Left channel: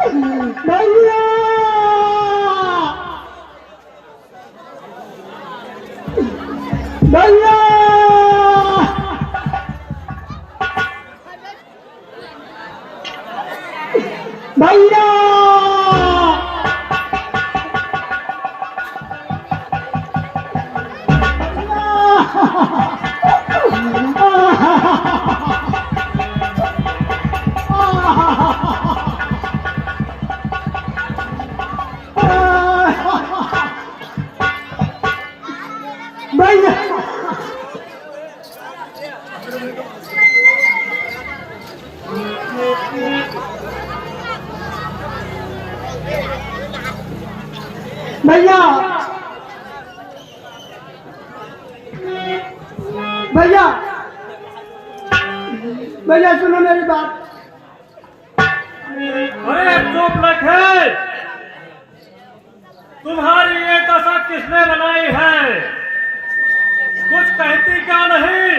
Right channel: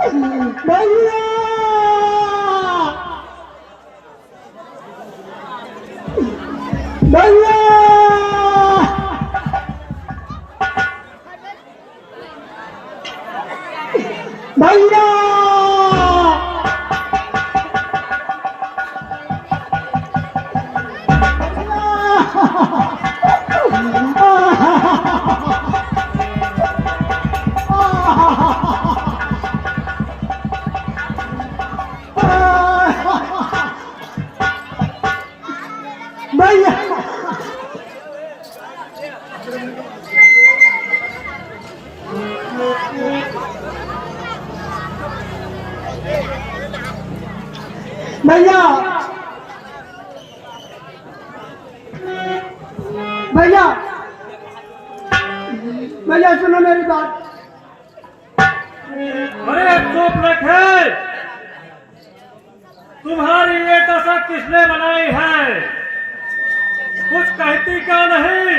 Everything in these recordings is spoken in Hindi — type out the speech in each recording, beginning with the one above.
भैया भैया भैया भैया भैया भैया सुनो मेरी बात। अरे चुप रखे, तुम्हारी ये दशा किसने बनाई है? कुछ कहती क्यों नहीं?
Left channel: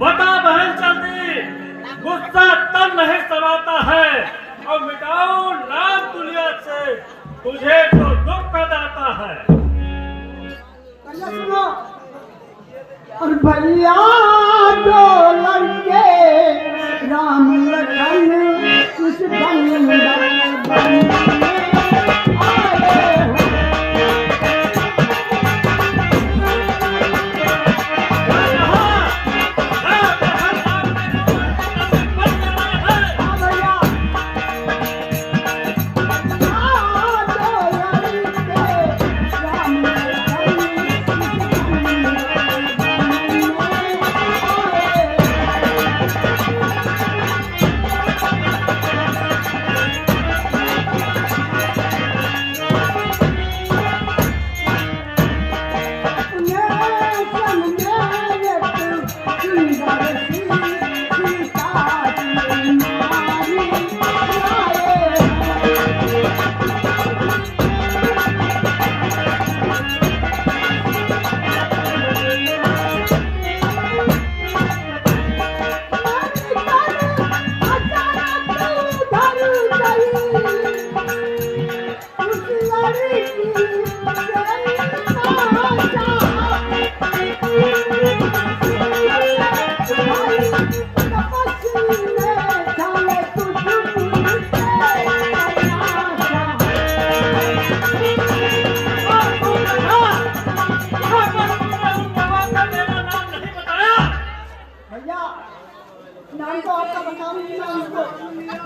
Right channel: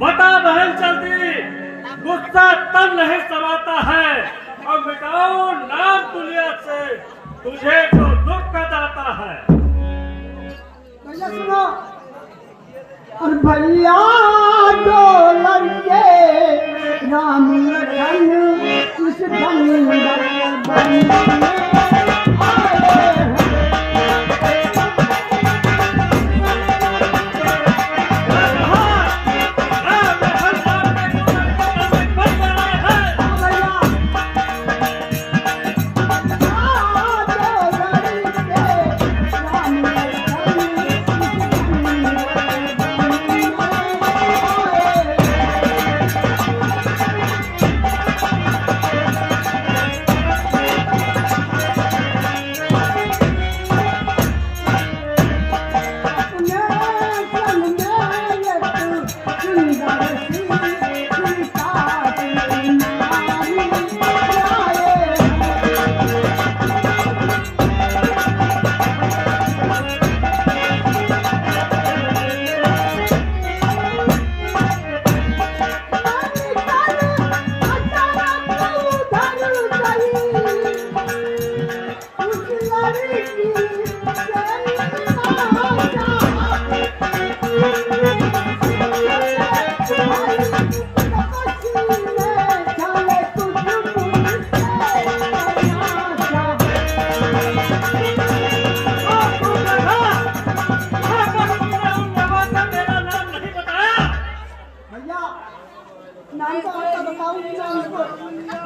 बता बहन चलती, गुस्सा तन नहीं समाता है और मिटाओ नाम दुनिया से तुझे जो दुख दाता है। भैया सुनो, और भैया दो लड़के राम लखन इस धन बन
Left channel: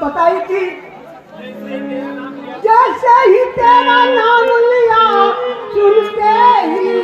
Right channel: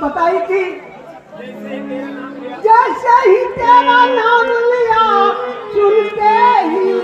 बताई थी। जैसे ही तेरा नाम लिया सुनते ही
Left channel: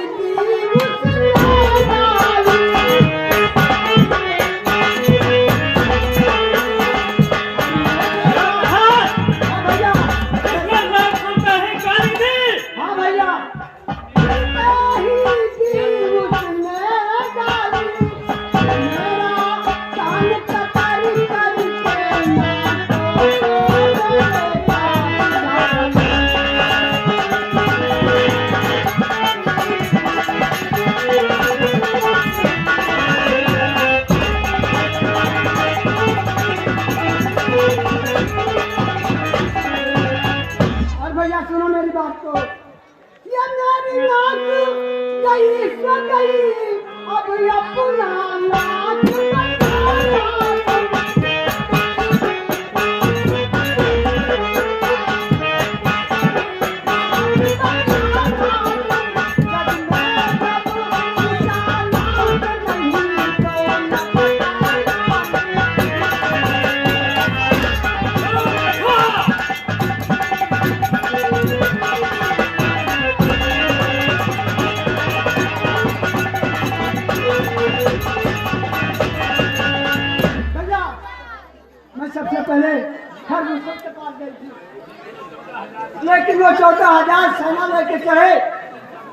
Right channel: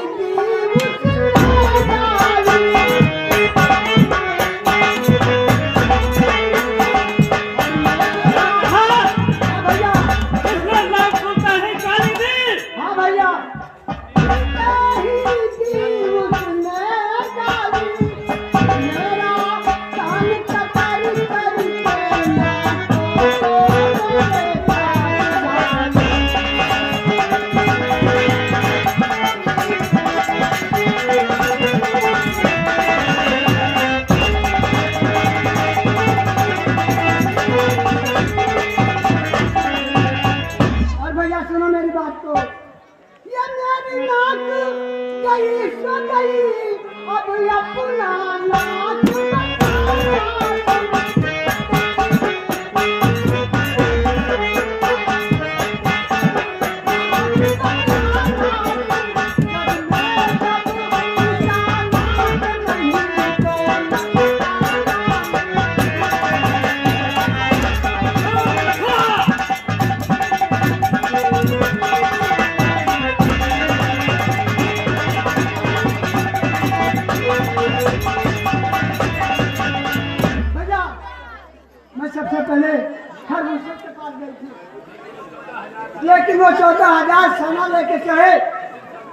लेकिन वो 14,000 सेना लेके चढ़े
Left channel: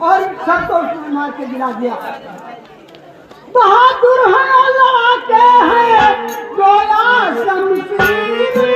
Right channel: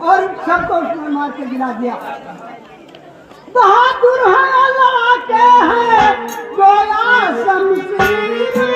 और सबको उसने मार के गिरा दिया। बहादुर है अल्लाह के हैं गोया शमशीर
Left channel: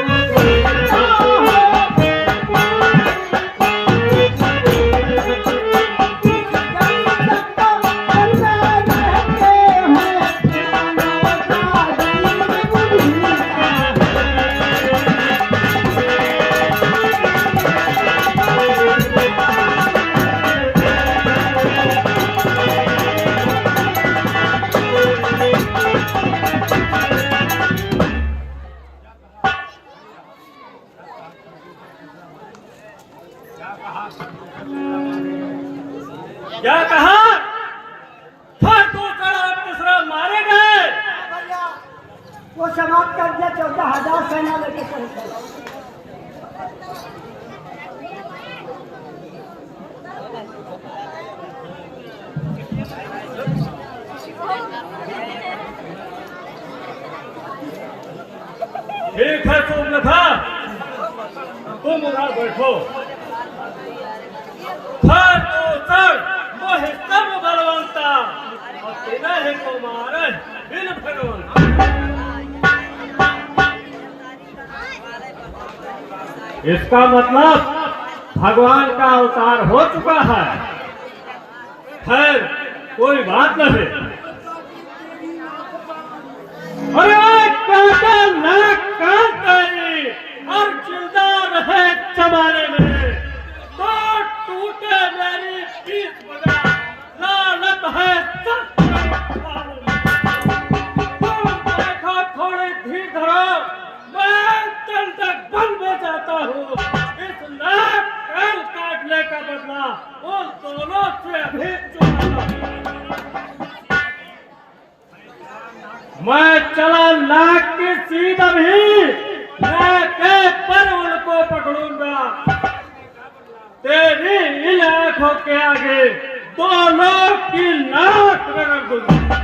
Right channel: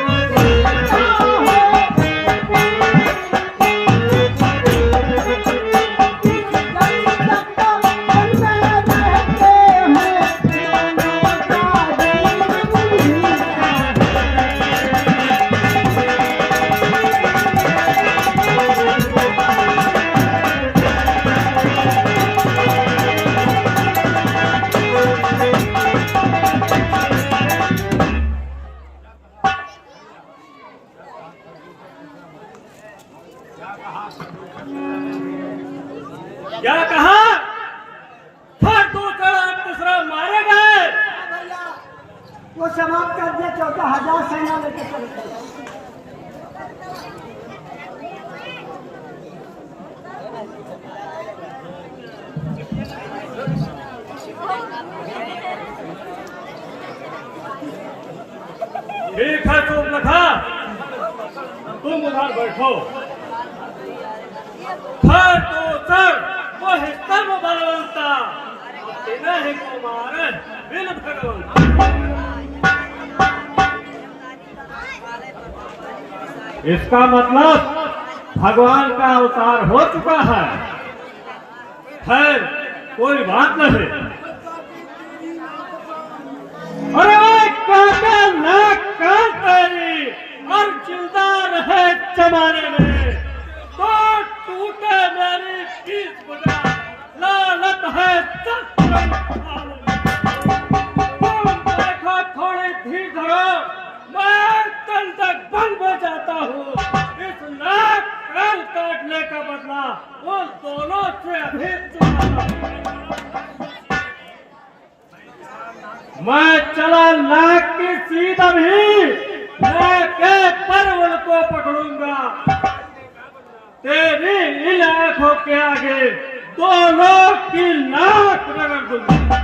क्या कहा? फिर दूसरा और तीसरा मारे गए। भैया वो समाप्त कर दिया, 14,000 सेना लेके चले। ठीक है सुर्पनखा, तुम उधर बैठो। हर दूसर वो है सब बलवंता और तेरा है कुमार बिन भगवंता। इसका मतलब भगवान का अवतार हो चुका है। खैर कोई बात नहीं। अरे काका नाक काट गई और जिंदा रहे जमाने में तो टूटे मेरी 20 बजा लालत है सब। तुम देखो थोड़ी धीर धरो, मैं दंडक बन में जाता हूँ। इस नाक कान काटने का बदला उन दोनों से अभी चुकाता हूँ। मैं चला नाक की सीध भी लेके परवल को पकड़ूंगा। तेरी इन आंखों के आगे दोनों की नाक रगड़ दूंगा।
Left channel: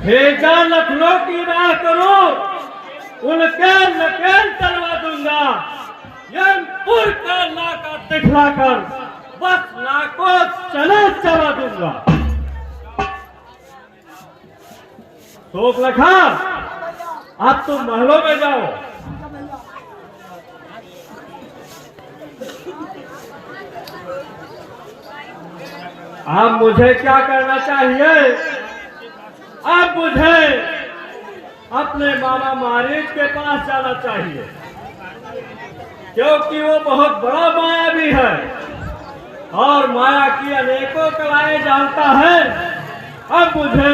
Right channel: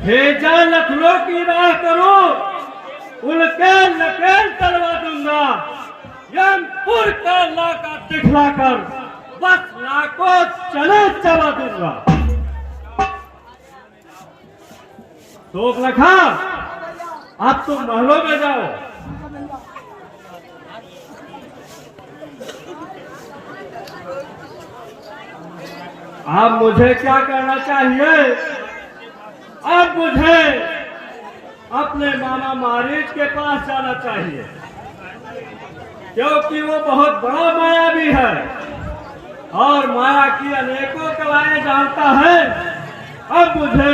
भेजा लखनऊ की राह करूं, उनके नकेल चलवा दूंगा। यमपुर का लाका दिखलाकर बस नाको चले चला दूंगा। तो देखा, अब तुम महलों में जाओ। अब मुझे क्या करना चाहिए? अब मुझे अपने मामा मारीच के पास जाना चाहिए, क्योंकि वो बहुत बड़ा मायावी है और माया की अनेकों कलाएं जानता है। अब मुझे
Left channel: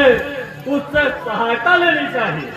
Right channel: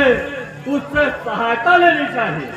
उससे सहायता लेनी चाहिए।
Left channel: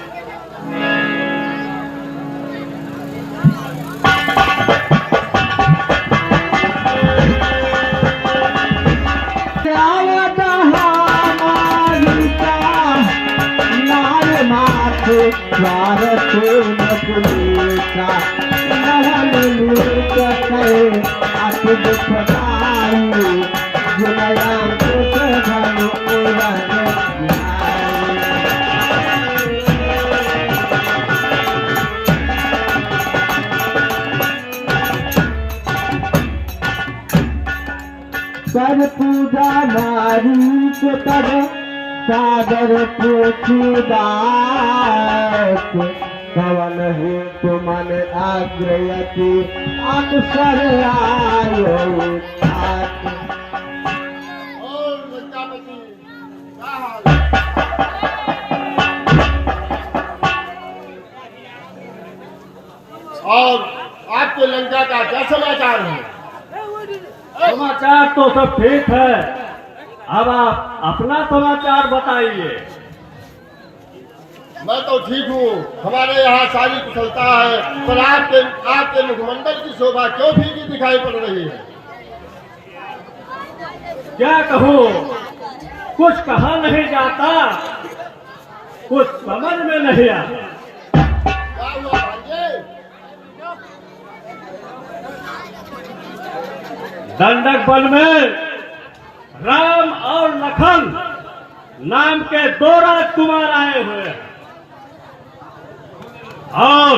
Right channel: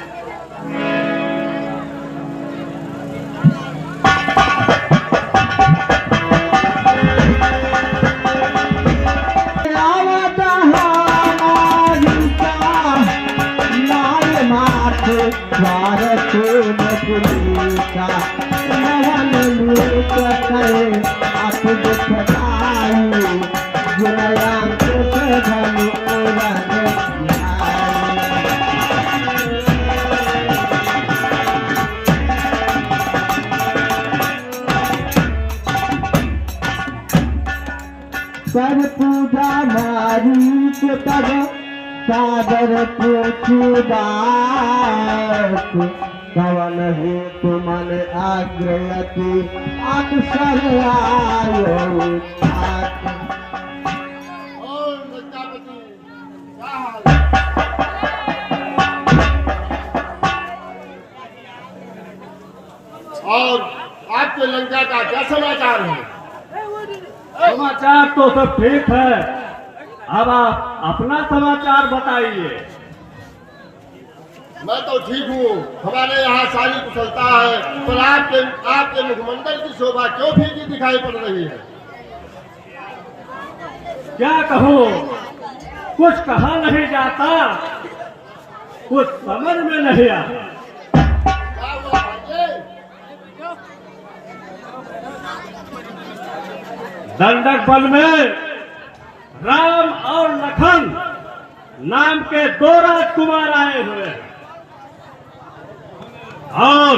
कर पूजा नारी के तर सागर बात कवन हो तुमन आग्रयति अक्सर आयो। और आपके लंका का क्या समाचार है? समाचार तो सब ठीक है। अब आप अपना समाचार बताइए। मैं तो ठीक हूँ, हमारे यहाँ सारी कुशलता है, पर आपके मुखमंडल की शोभा क्यों फीकी दिखाई पड़ रही है? क्या कहूँ, कुछ कहा नहीं जाता, कुछ समझ में नहीं आता। क्या हुआ भांजे? दंडक बल में राम और लखन नाम के 2 राजकुमार आए हुए हैं और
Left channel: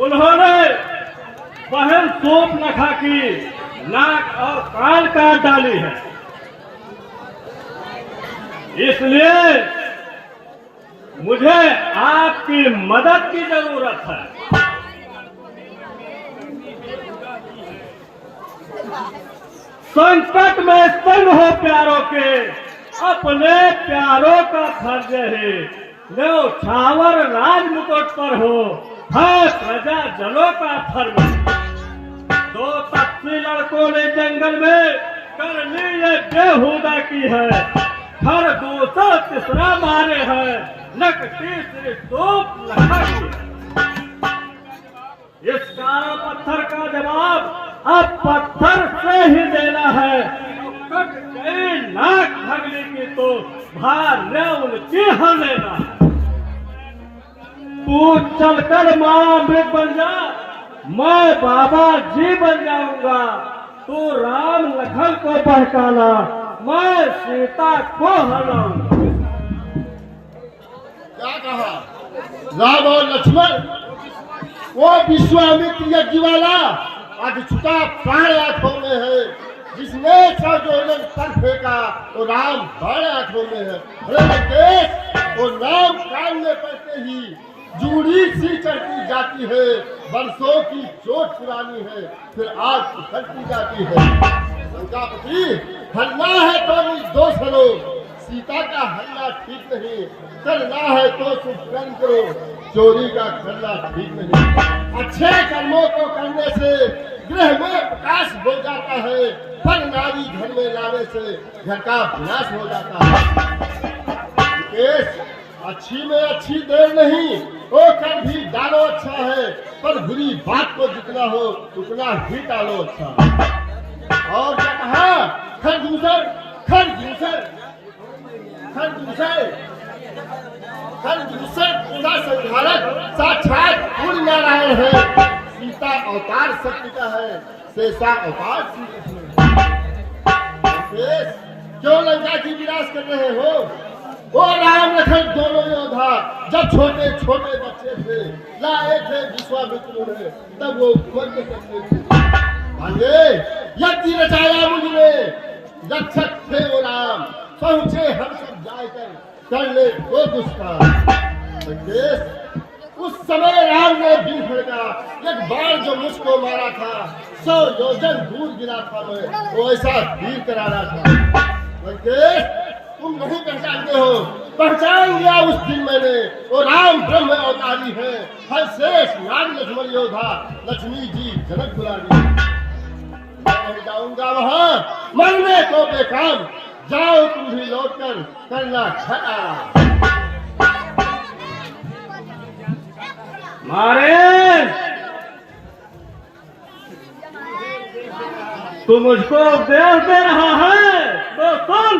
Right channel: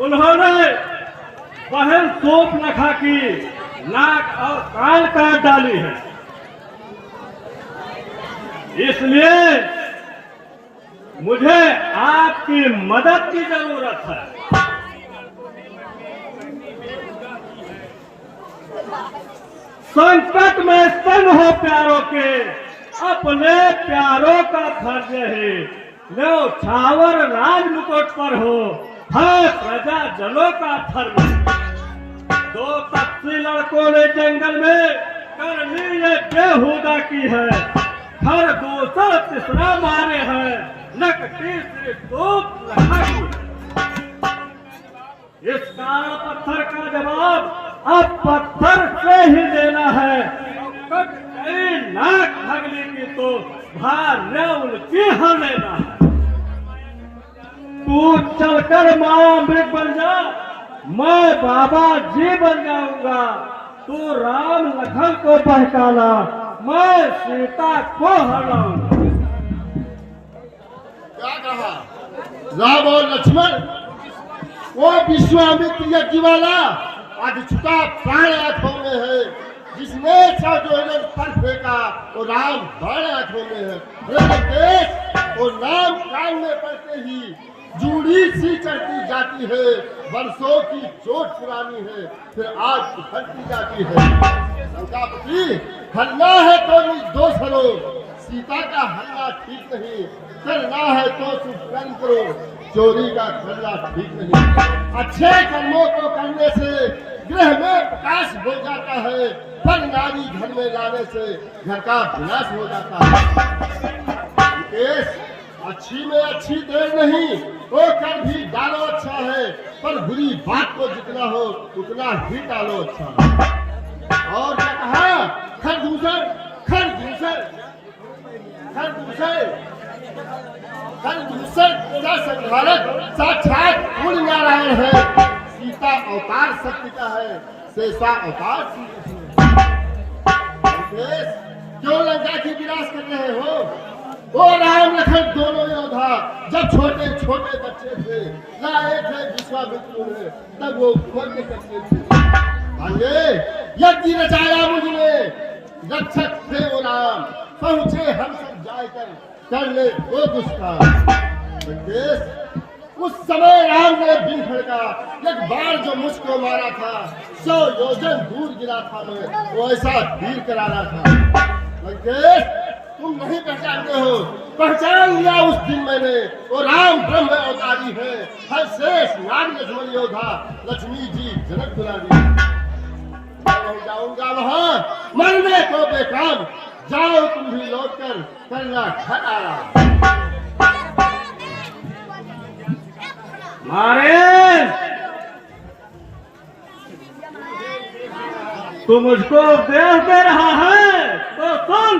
उन्होंने बहन शूर्पनखा की नाक और कान काट डाली है। इसलिए मुझे आपकी मदद की जरूरत है। संकट में संग हो प्यारों के, अपने प्यारों का फर्ज है। लो छावर राज मुकुट पर हो, है प्रजा जनों का फर्ज। 2 तपसी लड़कों ने जंगल में करनी ये बेहुदा की है। हर दूसरा तीसरा मारे हैं, नक तीसरी शूर्पनखा की है। इस काला पत्थर का जवाब अब पत्थर से ही देना है। कट गई नाक भगली की तो भार उनकी हर लेना है। तू चलकर महाअमृत बन जा, मैं बाबा जी बन जाऊंगा। तू राम लखन को बहकाना, मैं सीता को हराऊंगा। क्या कहा? राम और लक्ष्मण, वो विश्वामित्र यज्ञ वाला आज छुटा प्राण आंखों में है। जिसने जो सर फेंका वो राम बाण आंखों में है। वो नाम कान में पड़ते ही जूड़ी सी चढ़ती जाती है। वर्षों की चोट पुरानी है, फिर आज उखड़ती जाती है। लंकापति, हरना है तो निर्दोष हरो, सीता का हरना ठीक नहीं। करना है तो तुम कर्म करो, चोरी का करना ठीक नहीं। अच्छे कर्मों को करने से गृह में प्रकाश हो जाता है, पर नारी घर में लाने से घर का विनाश हो जाता है। अच्छी में अच्छी देर नहीं, वो कर भी डालो अच्छा है, पर बुरी बात को जितना हो उतना ही डालो अच्छा है। और क्या कहा? खरदूसर का संहारक साक्षात सूर्य नारायण है। सीता अवतार सत्य का है, शेषा अवतार श्री कृष्ण। क्यों लंका की विनाश कर रहे हो? वो राम लखन दोनों योद्धा जब छोटे छोटे बच्चे थे, लाए थे विश्वामित्र ने, तब वो उम्र के बच्चे थे। भांगे यज्ञ रचाया मुझने, रक्षक थे वो राम, पहुंचे हम सब जाकर करने को दुष्कार। उस समय राम ने बिन खड़का एक बार जो मुझको मारा था, 100 योजन दूर गिरा था मैं, वो ऐसा तीर कराना था। तुम नहीं पहचानते हो, पहचान लिया उस दिन मैंने। वो राम ब्रह्म अवतारी है, हर शेष नाग लक्ष्मण योद्धा, लक्ष्मी जी जनक दुलारी। मैं जाऊंगा वहां मरने को बेकाम, जाओ तुम भी लौटकर करना खड़ा। मारे तू मुझको उपदेश दे रहा है तो सुन।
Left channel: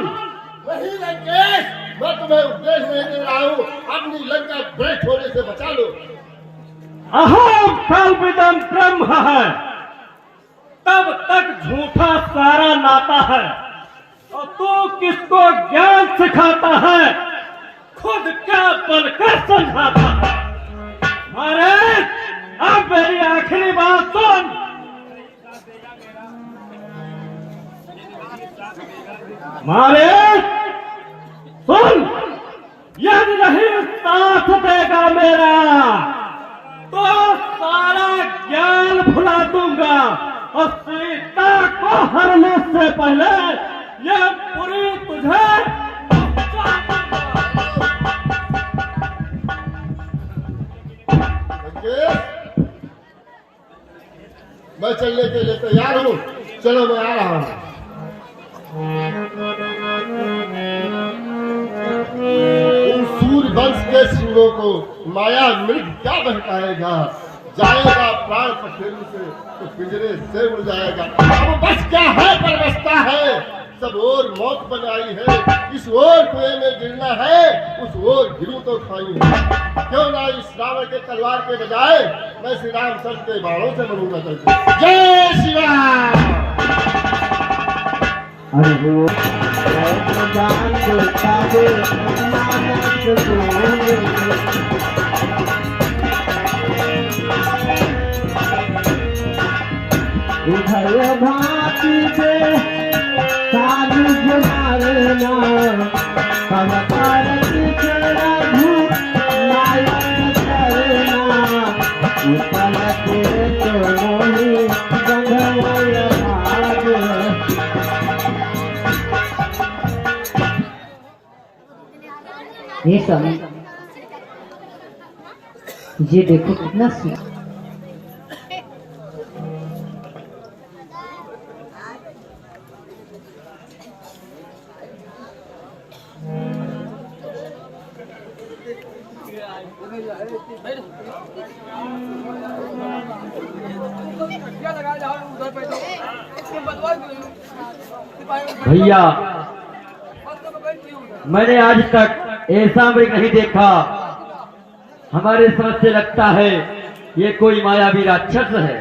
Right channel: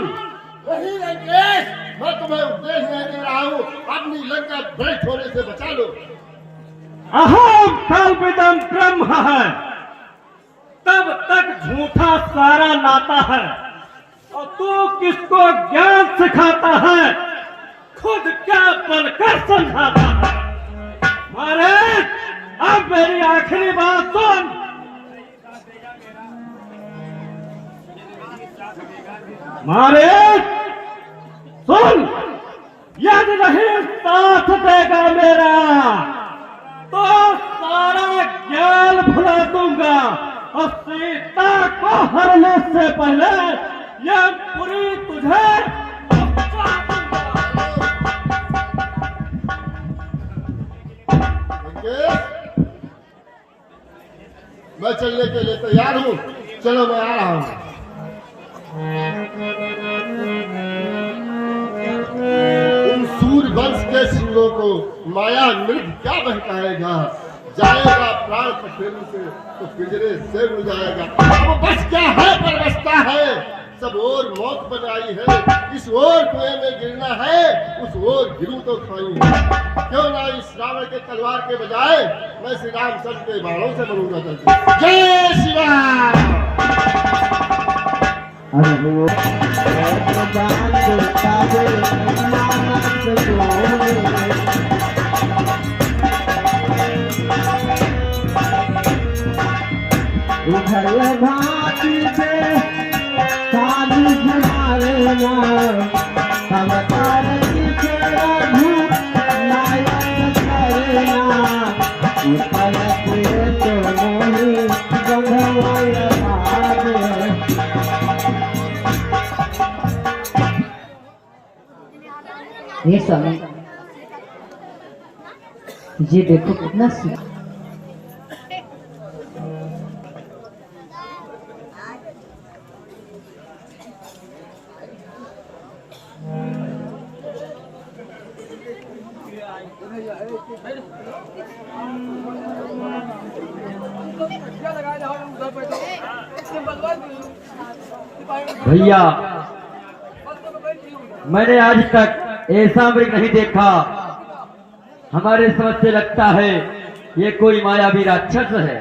वही लंकेश, मैं तुम्हें उपदेश नहीं दे रहा हूँ, अपनी लंका भ्रष्ट होने से बचा लो। अहम कल्पितम ब्रह्म है, तब तक झूठा सारा नाता है। और तू किसको ज्ञान सिखाता है, खुद क्या बनकर समझाता है। अरे अब मेरी आखिरी बात सुन। मारे सुन, यदि नहीं साथ देगा मेरा तो सारा ज्ञान भुला दूंगा, और सीता को हरने से पहले यह पूरी तुझे पहुंचा दूंगा। मैं चलने के लिए तैयार हूँ, चलो मैं आ रहा हूँ। इन सूर्य वंश के सिंहों को माया मृग क्या बहकाएगा। जाएगा प्राण पखेरु से तो पिंजरे से उड़ जाएगा। वो बस क्या है पर बसता है, सब और मौत बनाई है। इस ओर कुएं में गिरना है, उस ओर गिरूं तो खाई है। क्यों ना इस रावण के तलवार के बजाय मैं श्री रामचंद्र के बाणों से मरूंगा करके। जय श्री राम। उभय भाती से साधु जुड़ाना, पलकान के रघु नायक करना, पलके तो मोहि गंधर्व। ये समय ये देखो कितना भैया, मैंने आज तक ऐसा मृग नहीं देखा। हमारे समझ से लगता है ये कोई मायावी राक्षस है।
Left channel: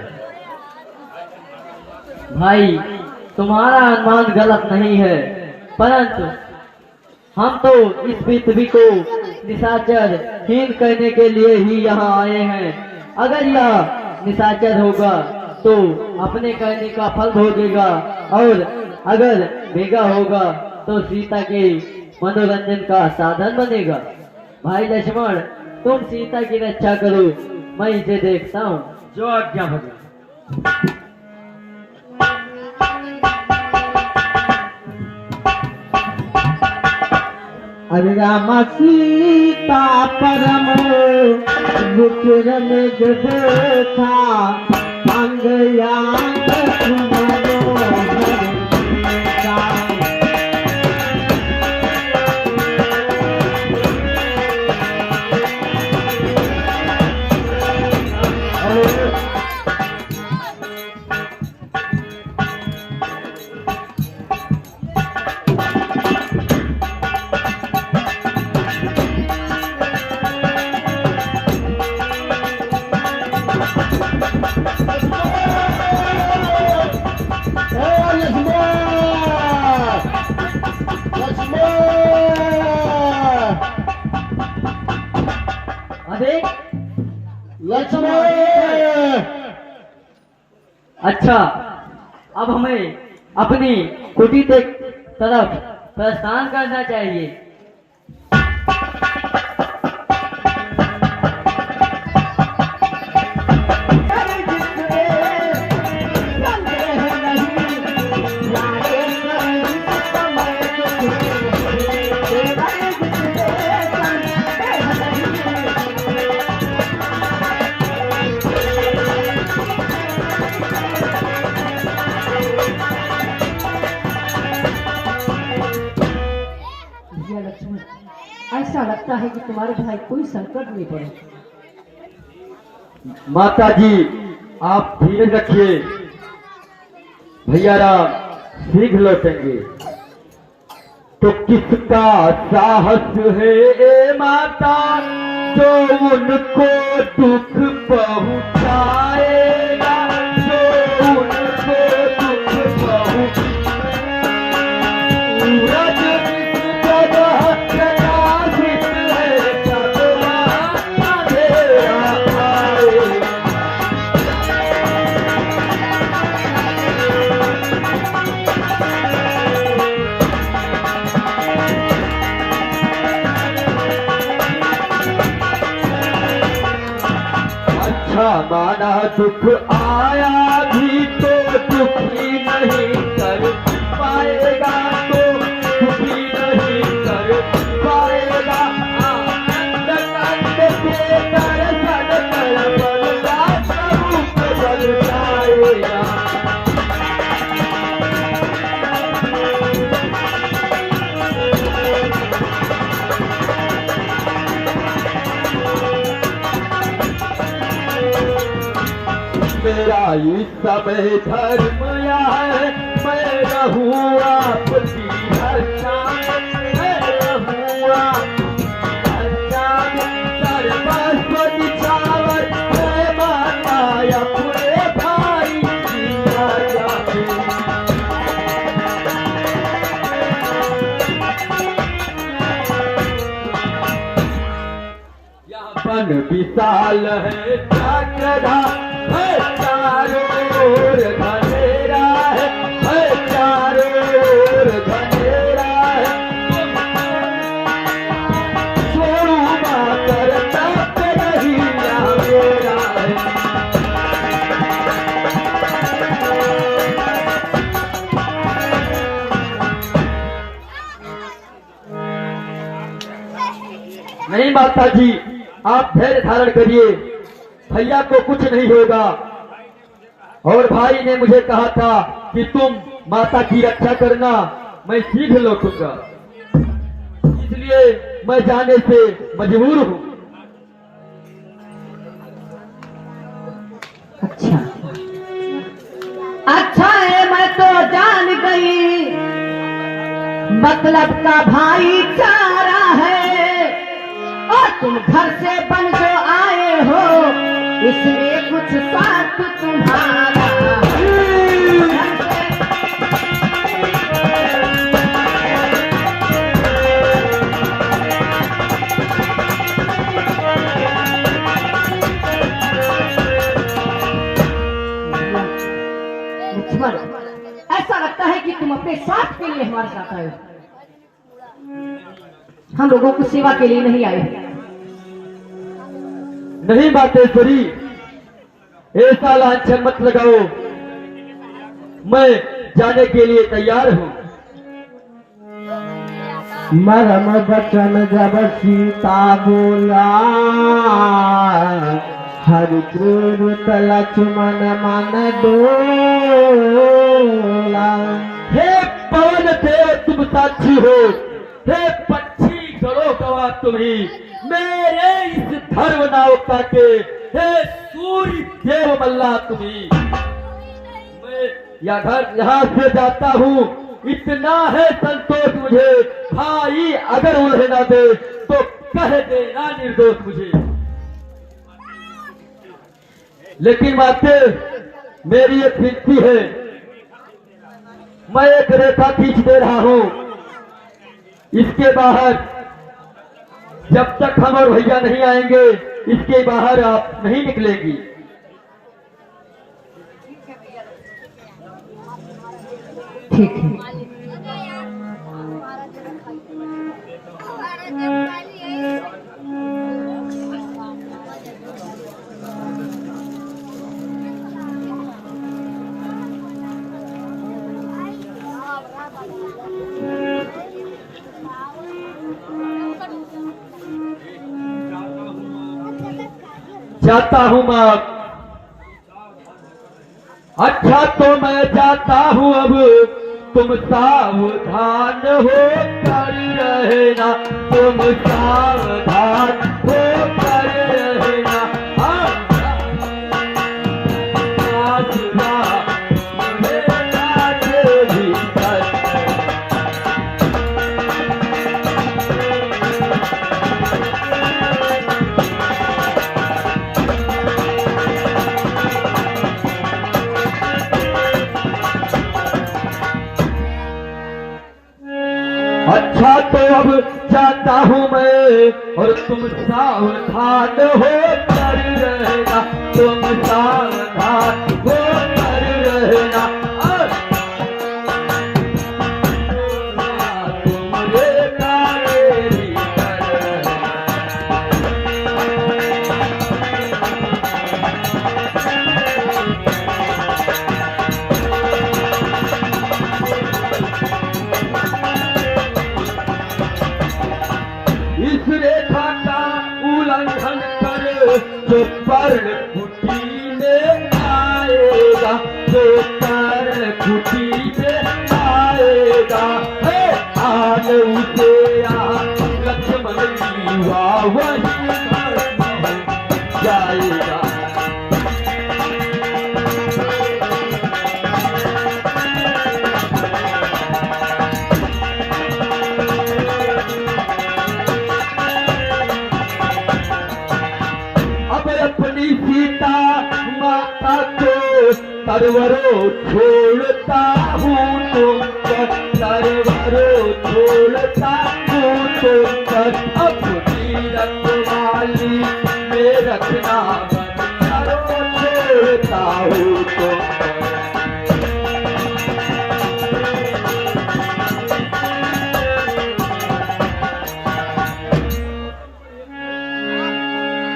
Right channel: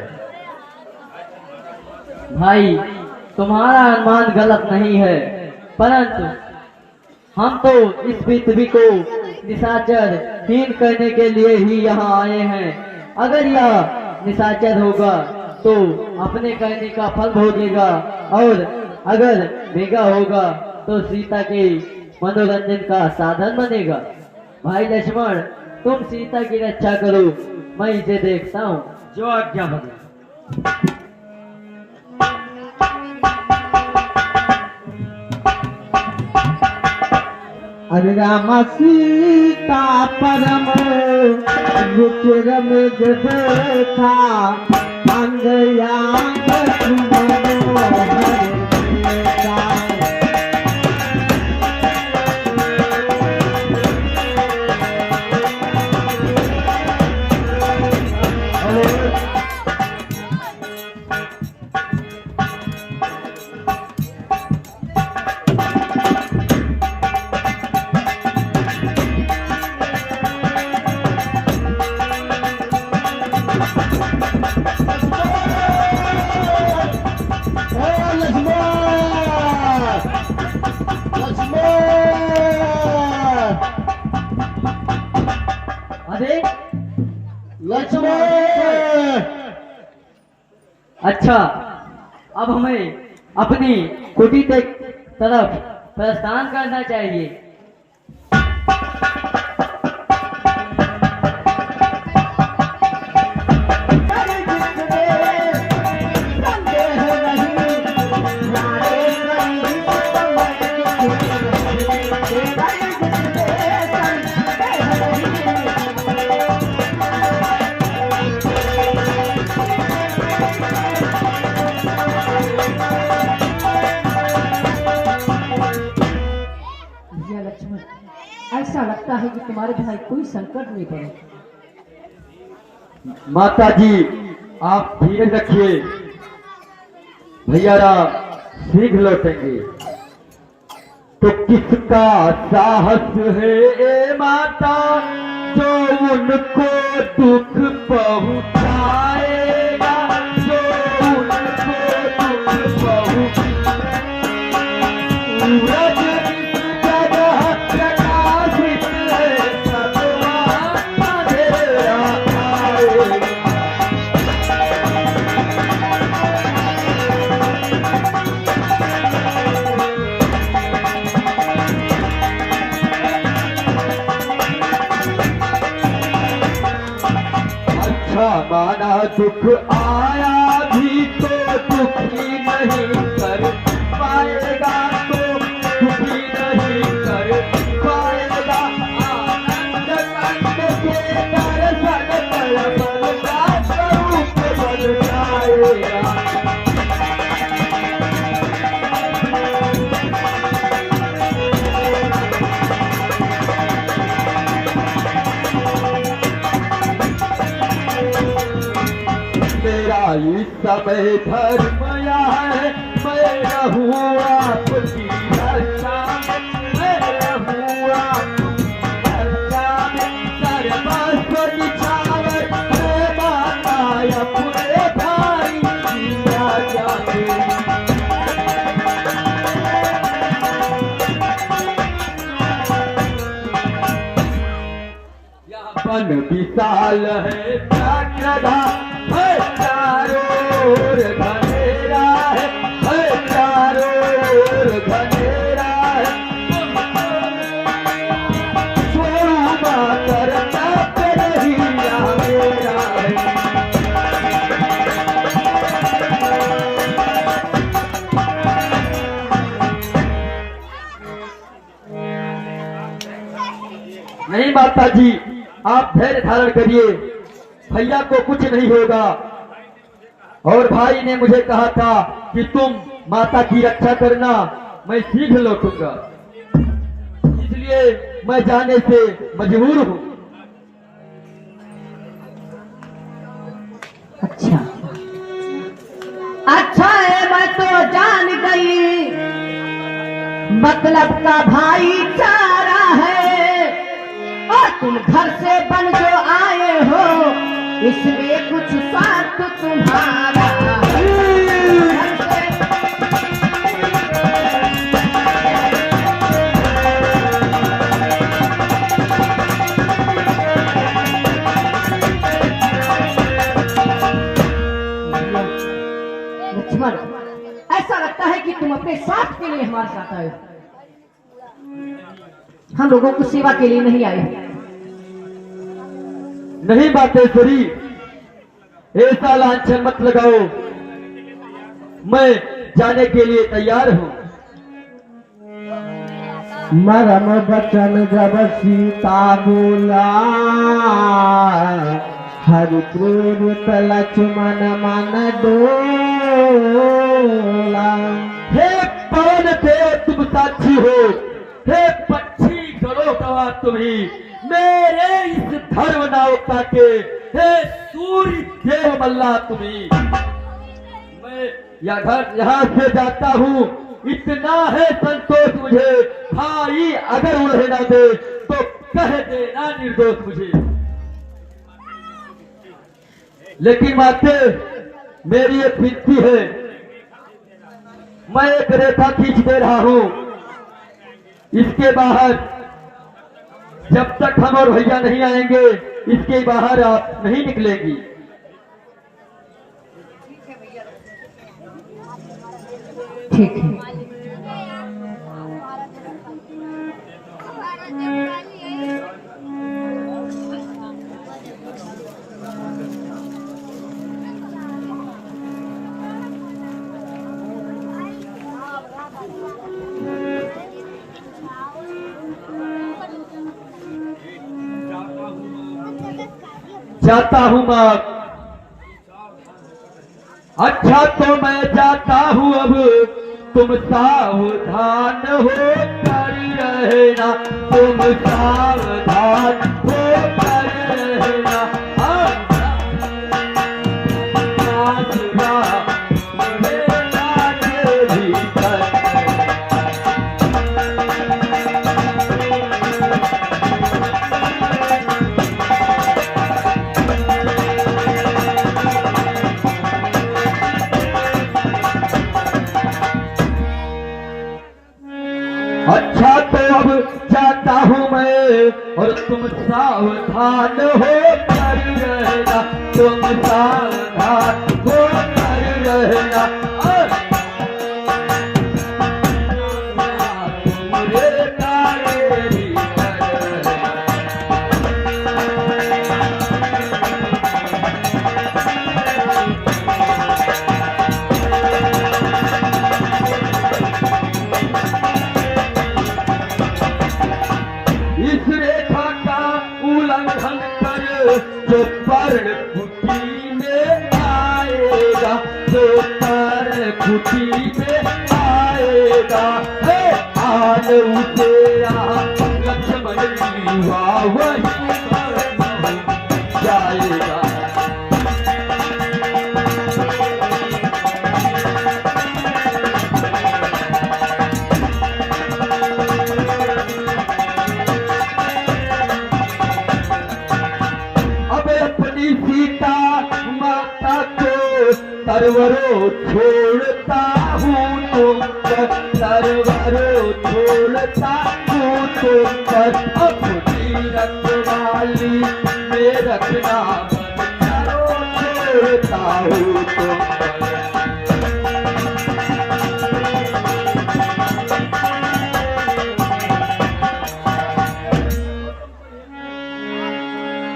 भाई, तुम्हारा अनुमान गलत नहीं है, परंतु हम तो इस पृथ्वी को निशाचर हीन करने के लिए ही यहाँ आए हैं। अगर यह निशाचर होगा तो अपने कहने का फल भोगेगा, और अगर बेगा होगा तो सीता के मनोरंजन का साधन बनेगा। भाई लक्ष्मण, तुम सीता की रक्षा करो, मैं इसे देखता हूँ। जो आज्ञा हो। अरे राम सीता परम विक्रम देखा अंगयान अरे लक्ष्मण! अच्छा, अब हमें अपनी कुटी के तरफ प्रस्थान करना चाहिए। ऐसा लगता है कि तुम्हारे भाई कोई संकट में पड़े। माता जी, आप धीरज रखिए, भैया राम शीघ्र लौटेंगे। तो किसका साहस है ए माता, जो उनको दुख पहुंचाएगा, जो उनको दुख पहुंचाएगा। माना दुख आया भी तो दुखी नहीं कर पाएगा, तो दुखी नहीं कर पाएगा। आनंद कंद के दर्शन कर बलगा स्वरूप बन जाएगा। मेरा इस समय धर्म है, मैं रहूं आपकी रक्षा में, मैं रहूं आपकी रक्षा में। सर्वस्व निछावर है माता अपने भाई की राजा में। यह वन विशाल है, चक्रधा है, चारों ओर घनेरा है, चारों ओर घनेरा है। स्वरूपा करता नहीं मेरा है। नहीं माता जी, आप धैर्य धारण करिए, भैया को कुछ नहीं होगा। और भाई ने मुझे कहा था कि तुम माता की रक्षा करना, मैं शीघ्र लौटूंगा, इसलिए मैं जाने से मजबूर हूँ। अच्छा अच्छा है, मैं तो जान गई मतलब का भाईचारा है, और तुम घर से बन जो आए हो इसमें कुछ स्वार्थ तुम्हारा है। लक्ष्मण, ऐसा लगता है कि तुम अपने स्वार्थ के लिए हमारे साथ आए हो, हम लोगों को सेवा के लिए नहीं आए हो। नहीं बातेश्वरी, ऐसा लांछन मत लगाओ। मैं जाने के लिए तैयार हूँ। मरम बचन जब सीता बोला, हरि क्रोध लक्ष्मण मन डोला। हे पवन देव तुम साक्षी हो, हे पक्षी करो गवाह तुम्ही, मेरे इस धर्म नावका के हे सूर्य देव मल्ला तुम्ही। मैं यहाँ से जाता हूँ, इतना है संतोष मुझे, भाई अगर उन्हें ना दे तो कह देना निर्दोष मुझे। लेकिन माते मेरी एक विनती है, मैं एक रेखा खींच दे रहा हूं, इसके बाहर जब तक हम और भैया नहीं आएंगे इसके बाहर आप नहीं निकलेंगी। ठीक है। जाता हूं मां। अच्छा तो मैं जाता हूं, अब तुम सावधान हो कर रहना, तुम सावधान हो कर रहना। अच्छा तो अब जाता हूँ मैं, और तुम सावधान हो कर रहना, तुम सावधान हो कर रहना। तुमरे कार्य ही इस रेखा का उल्लंघन कर जो पर्ण कुटी में आएगा, जो पर्ण कुटी में आएगा, आन उसे लक्ष्मण की वही जाएगा। अपनी सीता माता को तरवरो छोड़ता हूँ तुमको, तरवरो छोड़ता हूँ तुमको, अपनी रखवाली में रखना बंदरो छोड़ता हूँ तुमको।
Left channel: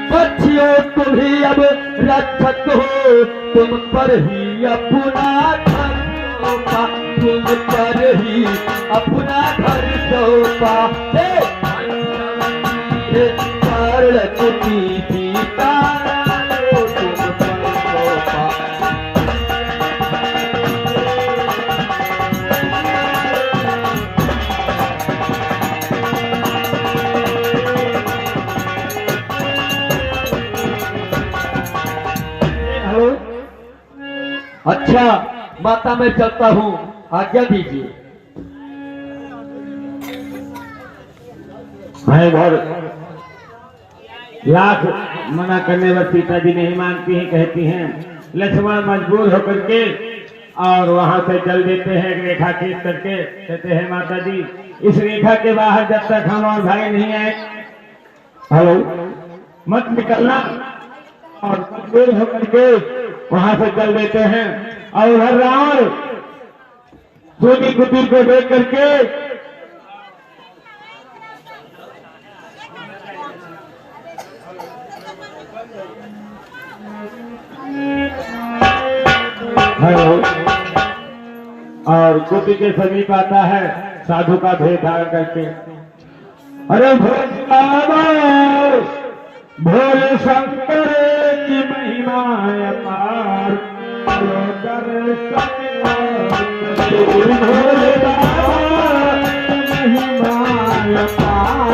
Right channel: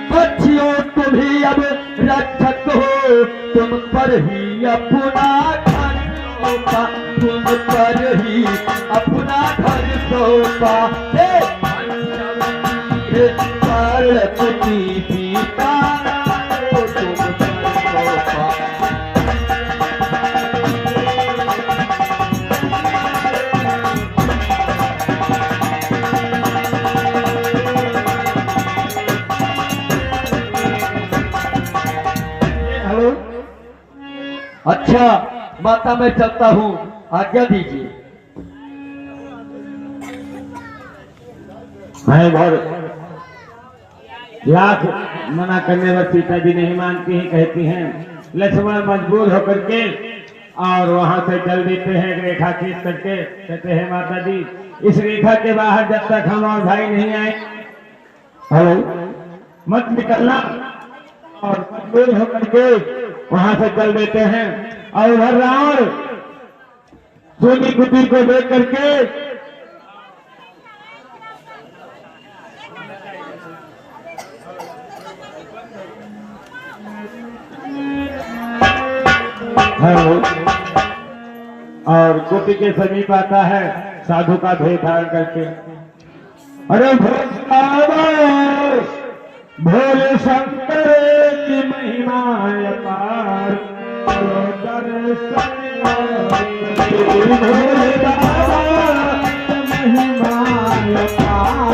बच्चियों तुम ही अब रक्षक हो, तुम पर ही अपना घर सौंपा, तुम पर ही अपना घर सौंपा। कारण कुटी सीता तुम पर सौंपा। हेलो, अच्छा माता मैं चलता हूँ, आज्ञा दीजिए। भाई बहुत लाख मना करने पर सीता जी नहीं मानती हैं, कहती हैं। लक्ष्मण मजबूर होकर के और वहां से चल देते हैं एक रेखा खींच करके, कहते हैं माता जी इस रेखा के बाहर जब तक हम और भाई नहीं आए हेलो मत निकलना, और मजबूर होकर के वहां से चल देते हैं। और उधर रावण सोनी कुटीर को देख करके हेलो और कुटी के समीप आता है साधु का भेद धारण करके। अरे भोले शंकर की महिमा अपार, भोले बाबा की महिमा अपार,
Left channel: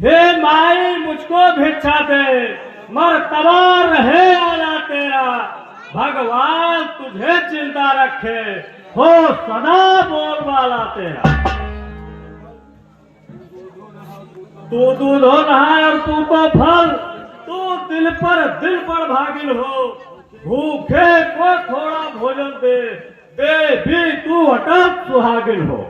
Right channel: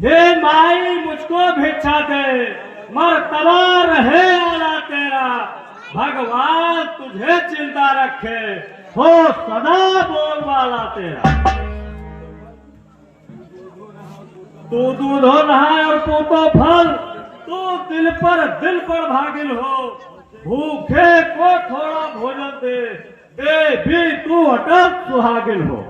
हे माई मुझको भिक्षा दे, मरतबा रहे आला तेरा, भगवान तुझे जिंदा रखे, हो सदा बोलबाला तेरा। तू दूध हो रहा है और तू तो फल, तू दिल पर भागिल हो, भूखे को थोड़ा भोजन दे, दे भी तू अटल सुहागिल हो।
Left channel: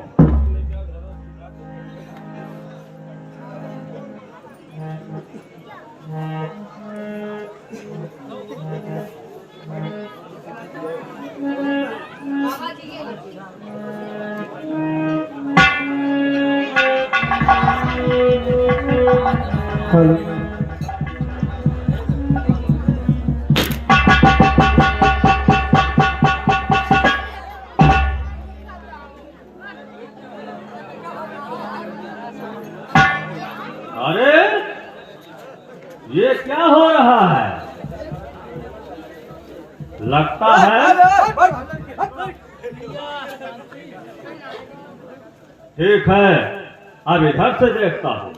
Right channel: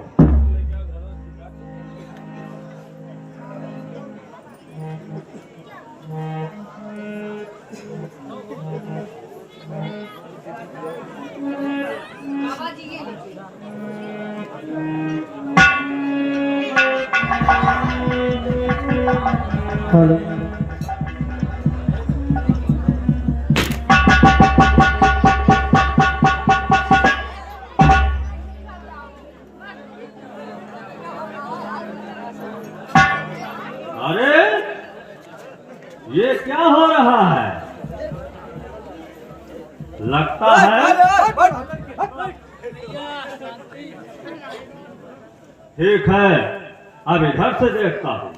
अरे ये क्या हो रहा है? लगता है ठीक है, अब इधर से देखता हूं।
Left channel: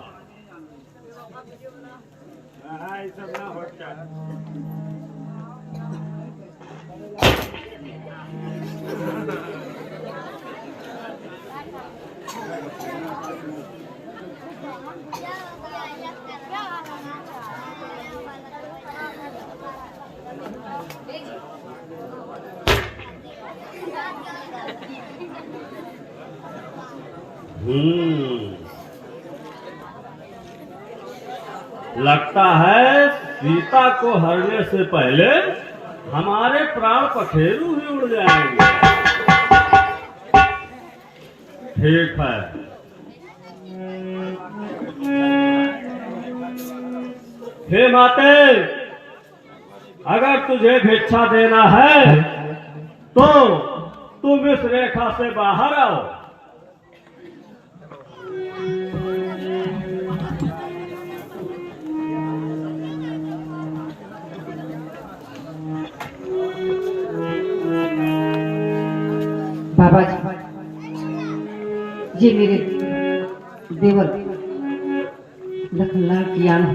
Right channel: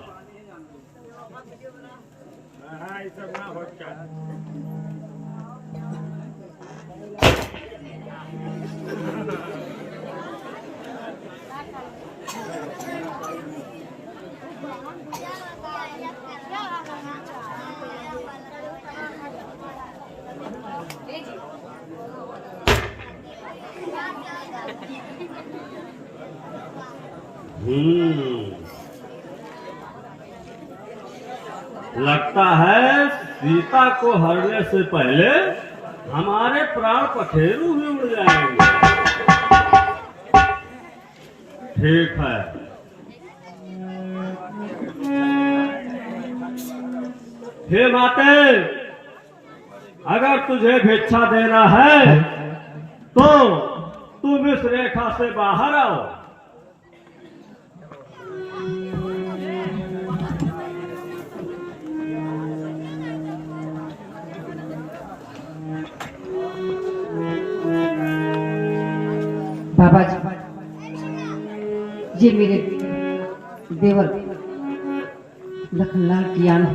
लगता है सीता को हरने से पहले हमारे प्राण पखेरु ही उड़ जाएंगे। ठीक है, हे माते, अगर तुझे भिक्षा देना है तो तुम इस रेखा से बाहर आओ। बाबा जी, ये मेरे देवर लखनलाल की आन है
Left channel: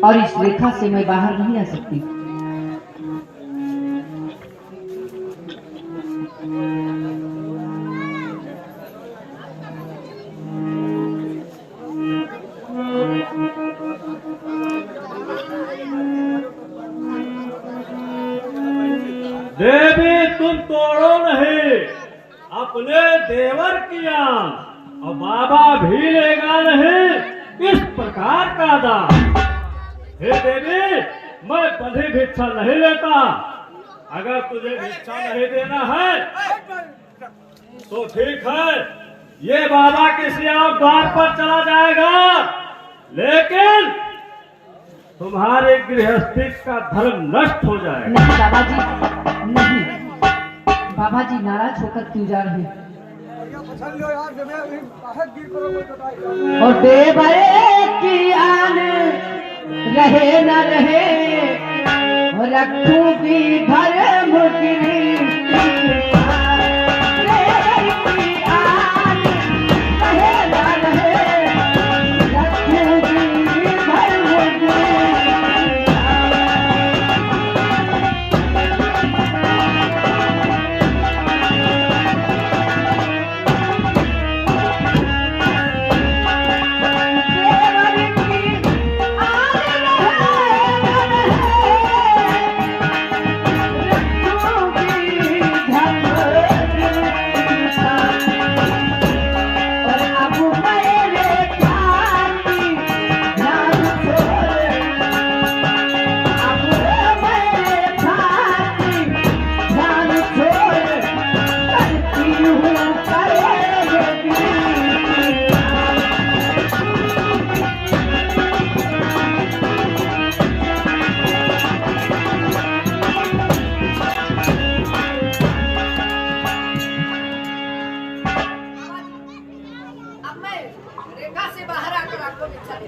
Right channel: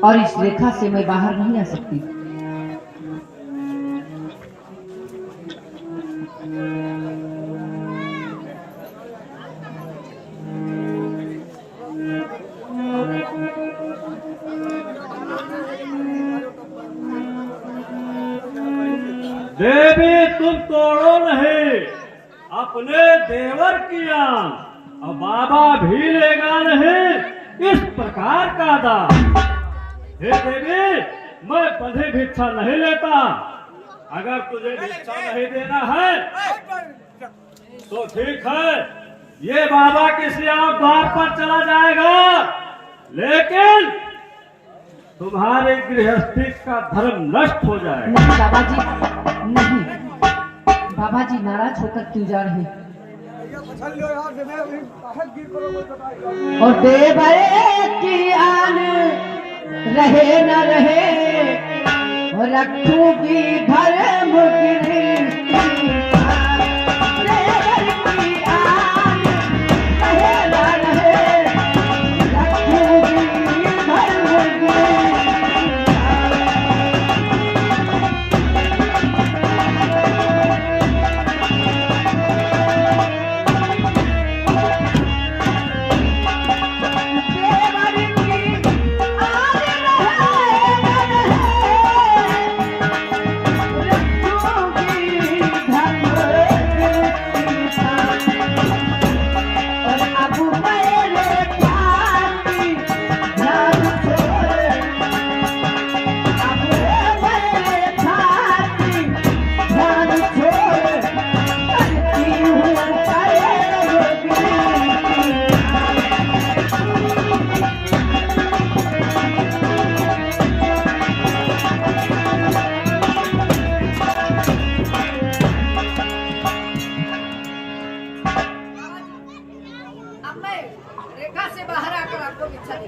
और इस रेखा से मैं बाहर नहीं आ सकती। देवी तुम तोड़ो नहीं अपने देवर की आन, और बाबा भी लेगा नहीं इस प्रकार का दान। हे देवी, मैं बंधी भिक्षा नहीं लेता। अगर तुझे भिक्षा नहीं देना है तो ठीक है, ये बाबा के श्याम द्वार पर चला जाएगा, लेकिन तुम्हारे गृहस्थी का धर्म नष्ट हो जाएगा। नहीं बाबा जी, नहीं। बाबा जी नाराज होकर क्यों जा रहे हैं? और देवर की आन रहे न रहे, रखूंगी धर्म गिरी। देवर की आन रहे न रहे, रखूंगी धर्म गिरी। अब मैं रेखा से बाहर आकर आपको भिक्षा जग